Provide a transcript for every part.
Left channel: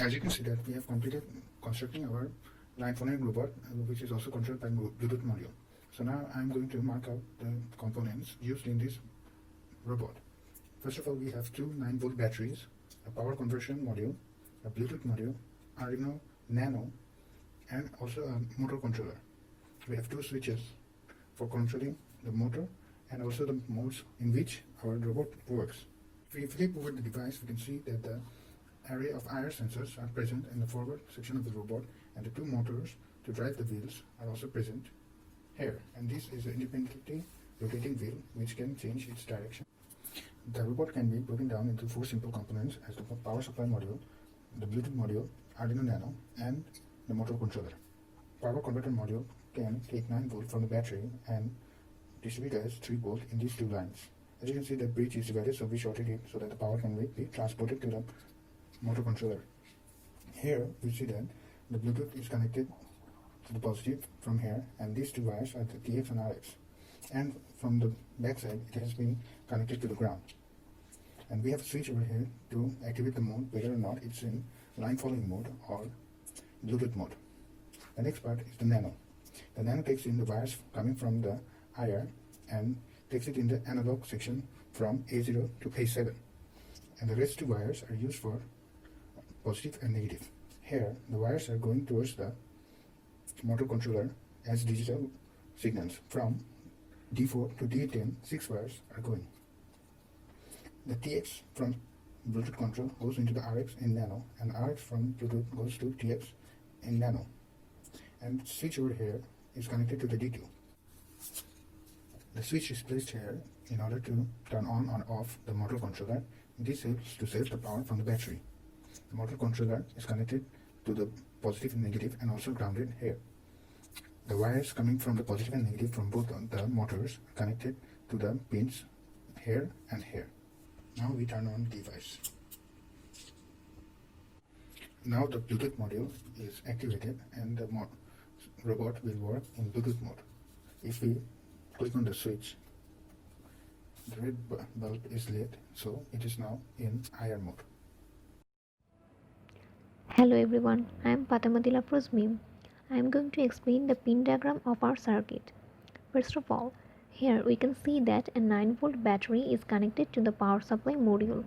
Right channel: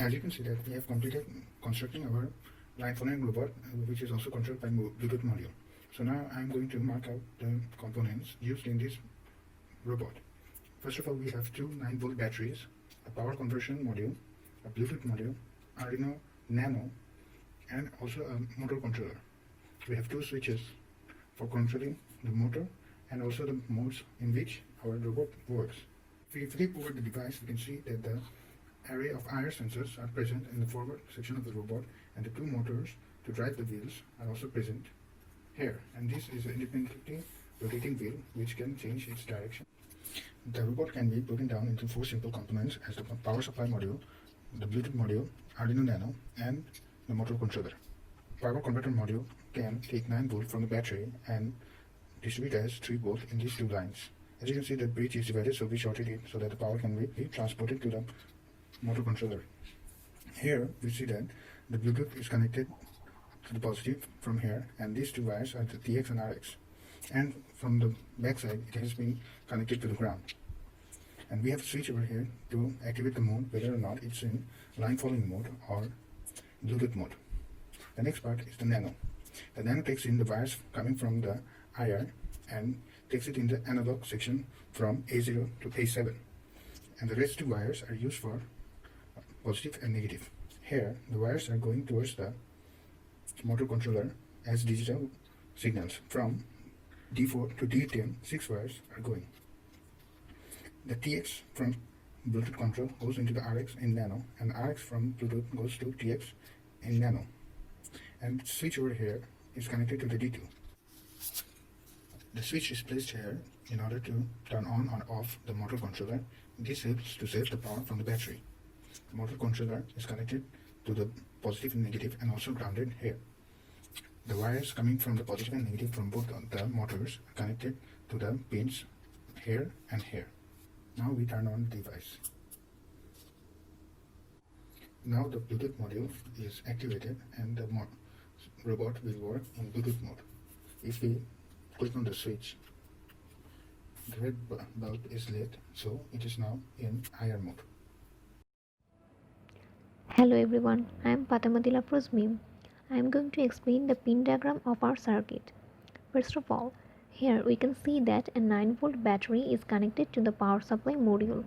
As you can see that we have completed constructing our line phoneme robot, which is also controlled by Bluetooth module. So now I'm going to mark out the components used in this robot. First of all, we have two 9-volt batteries, a power conversion module, a Bluetooth module, Arduino Nano, and also a motor controller. We have two switches for controlling the motor and also the modes in which our robot works. If we flip over the device, we can see that the array of IR sensors are present in the forward section of the robot, and the two motors to drive the wheels are also present here. And this is an independently rotating wheel which can change its direction. The robot can be broken down into 4 simple components as the power supply module, the Bluetooth module, Arduino Nano, and the motor controller. Power converter module can take 9 volt from the battery and distribute as 3 volt in these two lines. As you can see, the bridge is divided, so we shorted it so that the power can be transported to the motor controller. Here we see that the Bluetooth is connected to the positive from here, and these two wires are the TX and RX. And from the back side, it has been connected to the ground. And we have a switch over here to activate the mode, whether or not it's in line following mode or Bluetooth mode. The next part is the Nano. The Nano takes in the wires coming from the IR and takes it in the analog section from A0 to A7. And the rest two wires are used for positive and negative. Here, the wires are going towards the motor controller as digital signals. From D4 to D10, 6 wires are going. The TX from Bluetooth control goes into the RX in Nano, and RX from Bluetooth goes to TX in Nano. And the switch over here is connected to the D2. The switch is placed here in order to turn on or off the motor controller. This helps to save the power from the battery. The motor controller is connected to the positive and negative and also grounded here. The wires coming from the positive and negative from both the motors are connected to the pins here and here. Now we turn on the device. Now the Bluetooth module is activated and the robot will work in Bluetooth mode. If we click on the switch, the red bulb is lit, so it is now in IR mode. Hello everyone, I am Fatema Dil Afrose Mim. I am going to explain the pin diagram of our circuit. First of all, here we can see that a 9-volt battery is connected to the power supply module.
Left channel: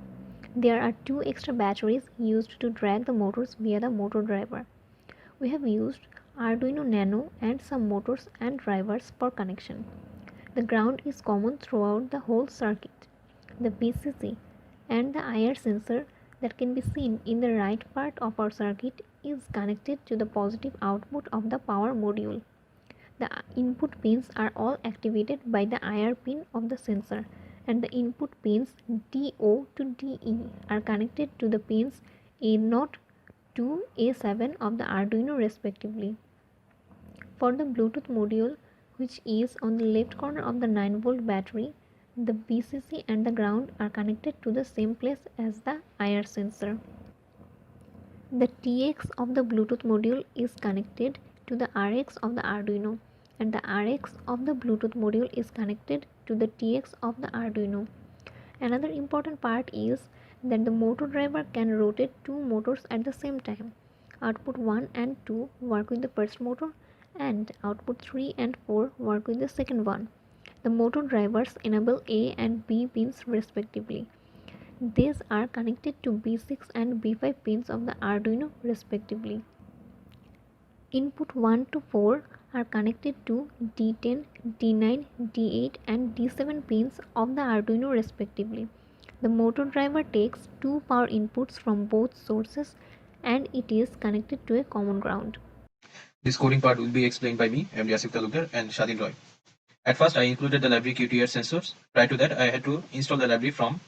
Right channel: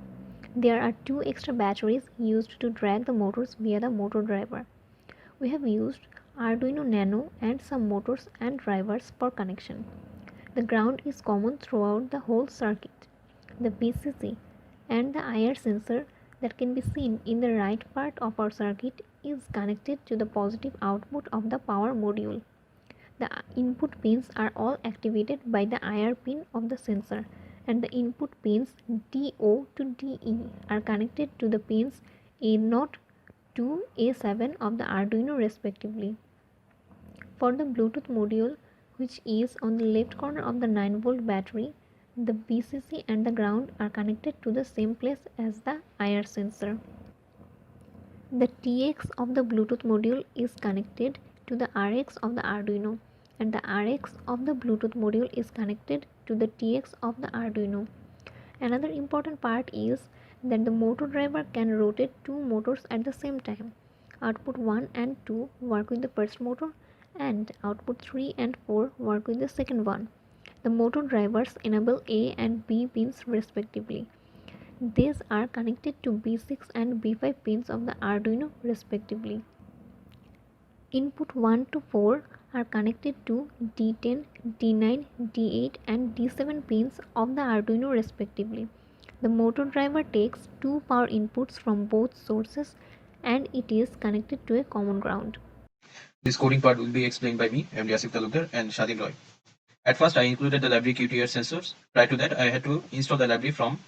There are 2 extra batteries used to drag the motors via the motor driver. We have used Arduino Nano and some motors and drivers for connection. The ground is common throughout the whole circuit. The VCC and the IR sensor that can be seen in the right part of our circuit is connected to the positive output of the power module. The input pins are all activated by the IR pin of the sensor, and the input pins DO to DE are connected to the pins A0 to A7 of the Arduino respectively. For the Bluetooth module, which is on the left corner of the 9-volt battery, the VCC and the ground are connected to the same place as the IR sensor. The TX of the Bluetooth module is connected to the RX of the Arduino, and the RX of the Bluetooth module is connected to the TX of the Arduino. Another important part is that the motor driver can rotate 2 motors at the same time. Output 1 and 2 work with the first motor, and output 3 and 4 work with the second one. The motor drivers enable A and B pins respectively. These are connected to B6 and B5 pins of the Arduino respectively. Input 1 to 4 are connected to D10, D9, D8 and D7 pins of the Arduino respectively. The motor driver takes 2 power inputs from both sources and it is connected to a common ground. This coding part will be explained by me, MD Asif Talukdar and Swadhin Roy. At first, I included the library QTR sensors. Prior to that, I had to install the library from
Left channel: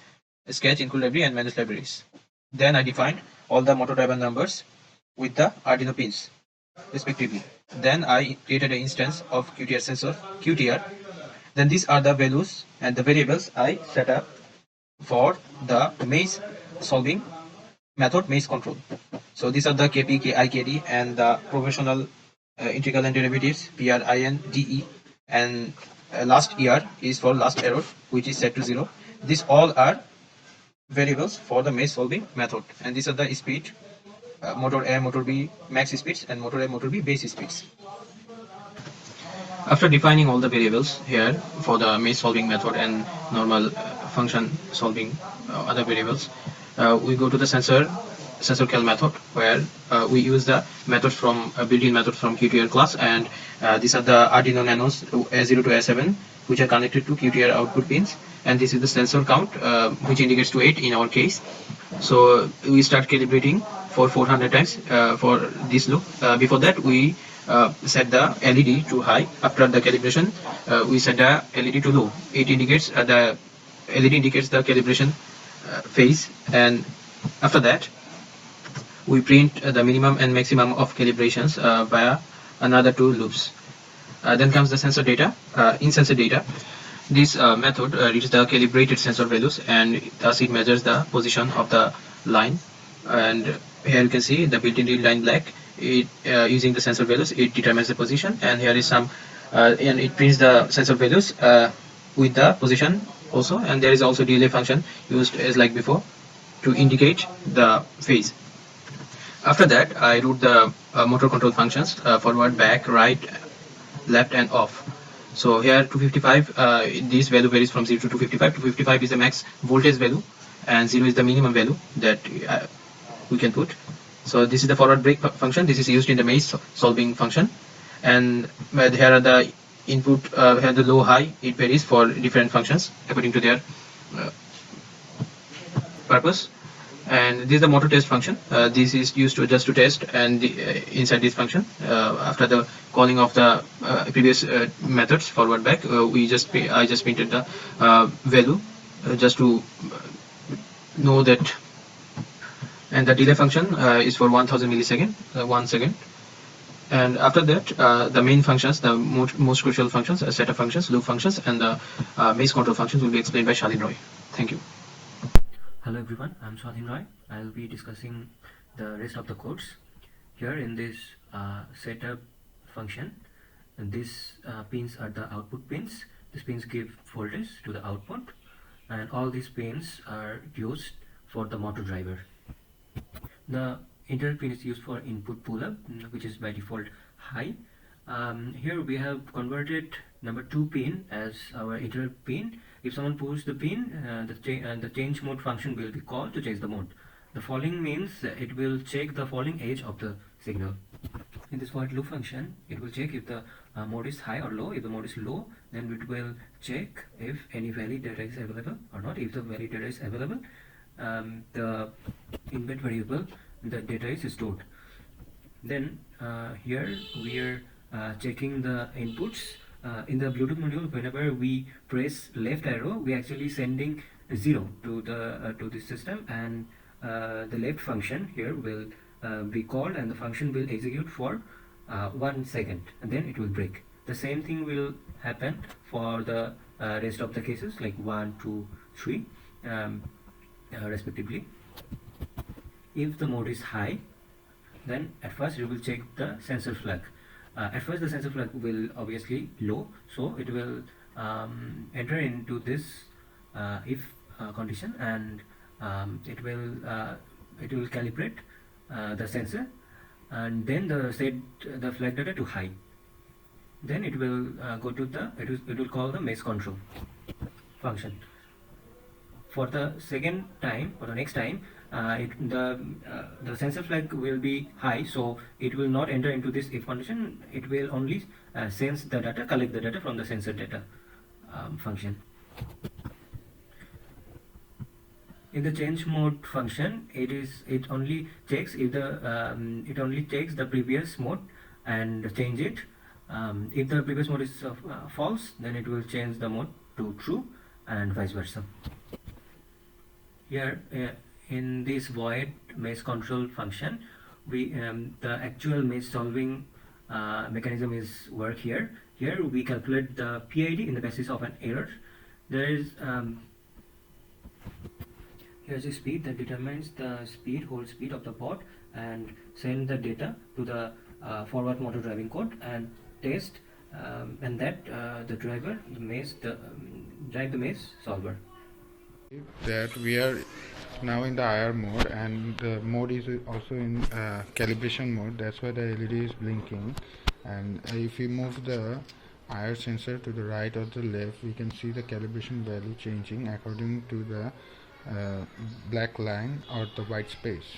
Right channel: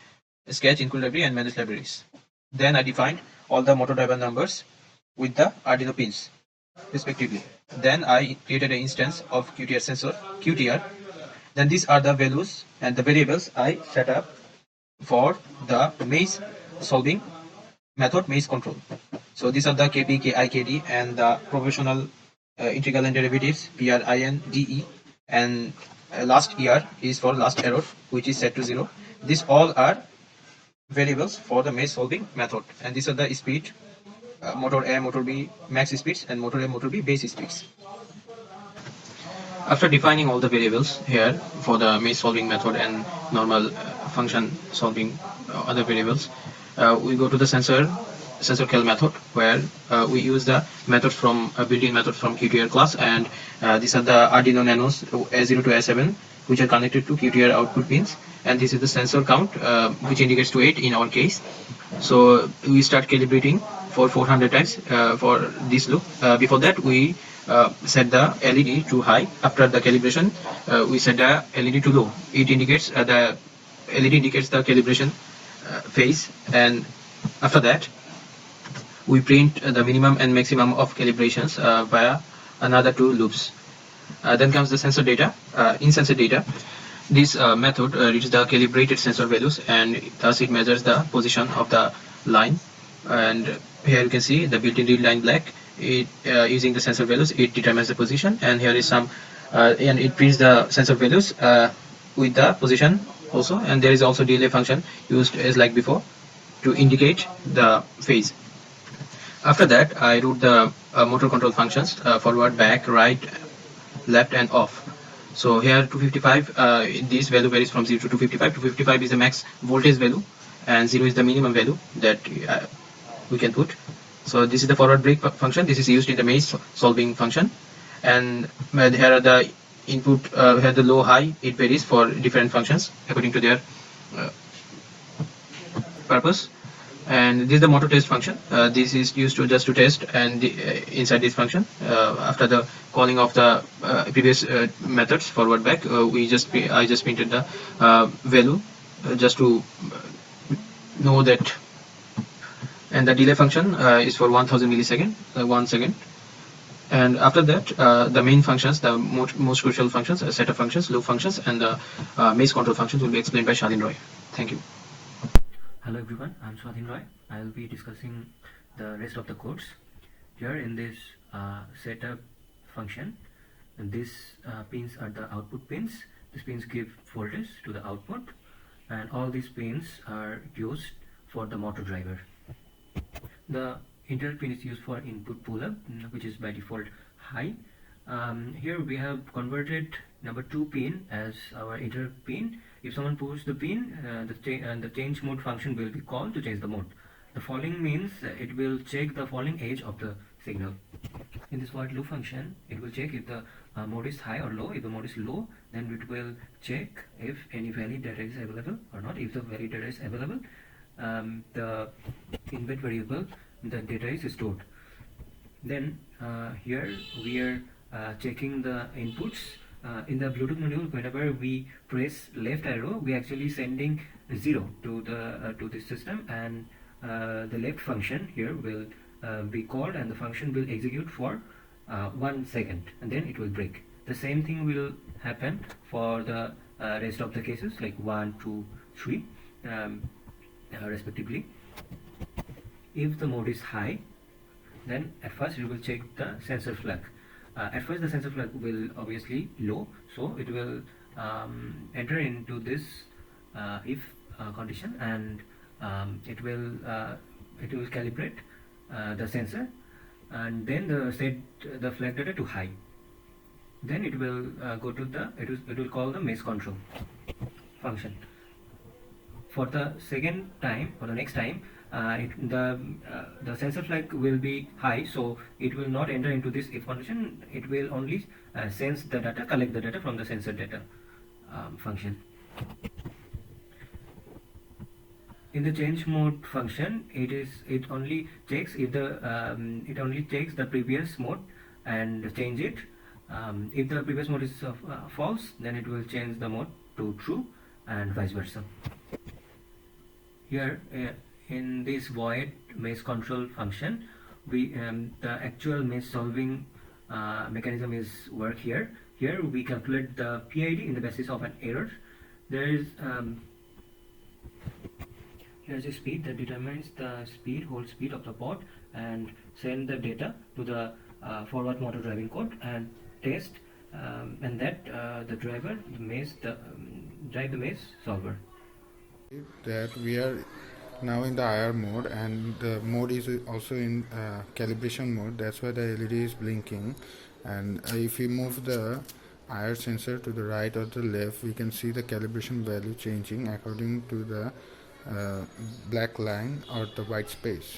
Sketch, Include Library and Manage Libraries. Then I defined all the motor driver numbers with the Arduino pins, respectively. Then I created an instance of QTR sensor, QTR. Then these are the values and the variables I set up for the maze solving method, maze control. So these are the KP, KI, KD and the proportional integral and derivatives, PR, IN, DE, and last ER is for last error, which is set to 0. These all are variables for the maze solving method, and these are the speed motor A, motor B max speeds, and motor A, motor B base speeds. After defining all the variables here for the maze solving method and normal function solving other variables, we go to the sensor cal method, where we use the methods from built-in methods from QTR class, and these are the Arduino Nanos A0 to A7, which are connected to QTR output pins, and this is the sensor count, which indicates to 8 in our case. So we start calibrating for 400 times for this loop. Before that, we set the LED to high. After the calibration, we set the LED to low. It indicates the LED indicates the calibration phase, and after that, we print the minimum and maximum of calibrations via another two loops. Then comes the sensor data. In sensor data, this method reads the calibrated sensor values, and thus it measures the position of the line. And here you can see the built-in read line black. It using the sensor values, it determines the position, and here is some and it prints the sensor values with the position also, and there is also delay function used as like before to indicate the phase. After that, I wrote the motor control functions: forward, back, right, left, and off. So here 255, this value varies from 0 to 255. 255 is the max voltage value, and 0 is the minimum value that we can put. So this is the forward brake function. This is used in the maze solving function, and here are the input. Here the low high, it varies for different functions according to their purpose. And this is the motor test function. This is used to just to test, and inside this function, after the calling of the previous methods forward back, I just printed the value just to know that. And the delay function is for 1000 millisecond, 1 second. And after that, the main functions, the most crucial functions, setup functions, loop functions, and the maze control functions will be explained by Swadhin Roy. Thank you. Hello everyone, I'm Swadhin Roy. I'll be discussing the rest of the codes. Here in this setup function, and these pins are the output pins. These pins give voltage to the output, and all these pins are used for the motor driver. The interrupt pin is used for input pull-up, which is by default high. Here we have converted number 2 pin as our interrupt pin. If someone pulls the pin, the change mode function will be called to change the mode. The falling means it will check the falling edge of the signal. In this while loop function, it will check if the mode is high or low. If the mode is low, then it will check if any valid data is available or not. If the valid data is available, the embed variable, the data is stored. Then here we are checking the inputs. In the Bluetooth module, whenever we press left arrow, we actually sending 0 to the system, and the left function here will be called, and the function will execute for 1 second, and then it will break. The same thing will happen for the rest of the cases, like 1, 2, 3 respectively. If the mode is high, then at first it will check the sensor flag. At first the sensor flag will obviously low, so it will enter into this if condition, and it will calibrate the sensor, and then set the flag data to high. Then it will go to it will call the maze control function. For the next time, the sensor flag will be high, so it will not enter into this if condition. It will only sense the data, collect the data from the sensor data function. In the change mode function, it only checks if the previous mode and change it. If the previous mode is false, then it will change the mode to true, and vice versa. Here in this void maze control function, we the actual maze solving mechanism is work here. Here we calculate the PID in the basis of an error. There is here's a speed that determines the hold speed of the bot, and send the data to the forward motor driving code and test, and that the drive the maze solver. That we are now in the IR mode, and the mode is also in calibration mode. That's why the LED is blinking. And if we move the IR sensor to the right or the left, we can see the calibration value changing according to the black line or the white space.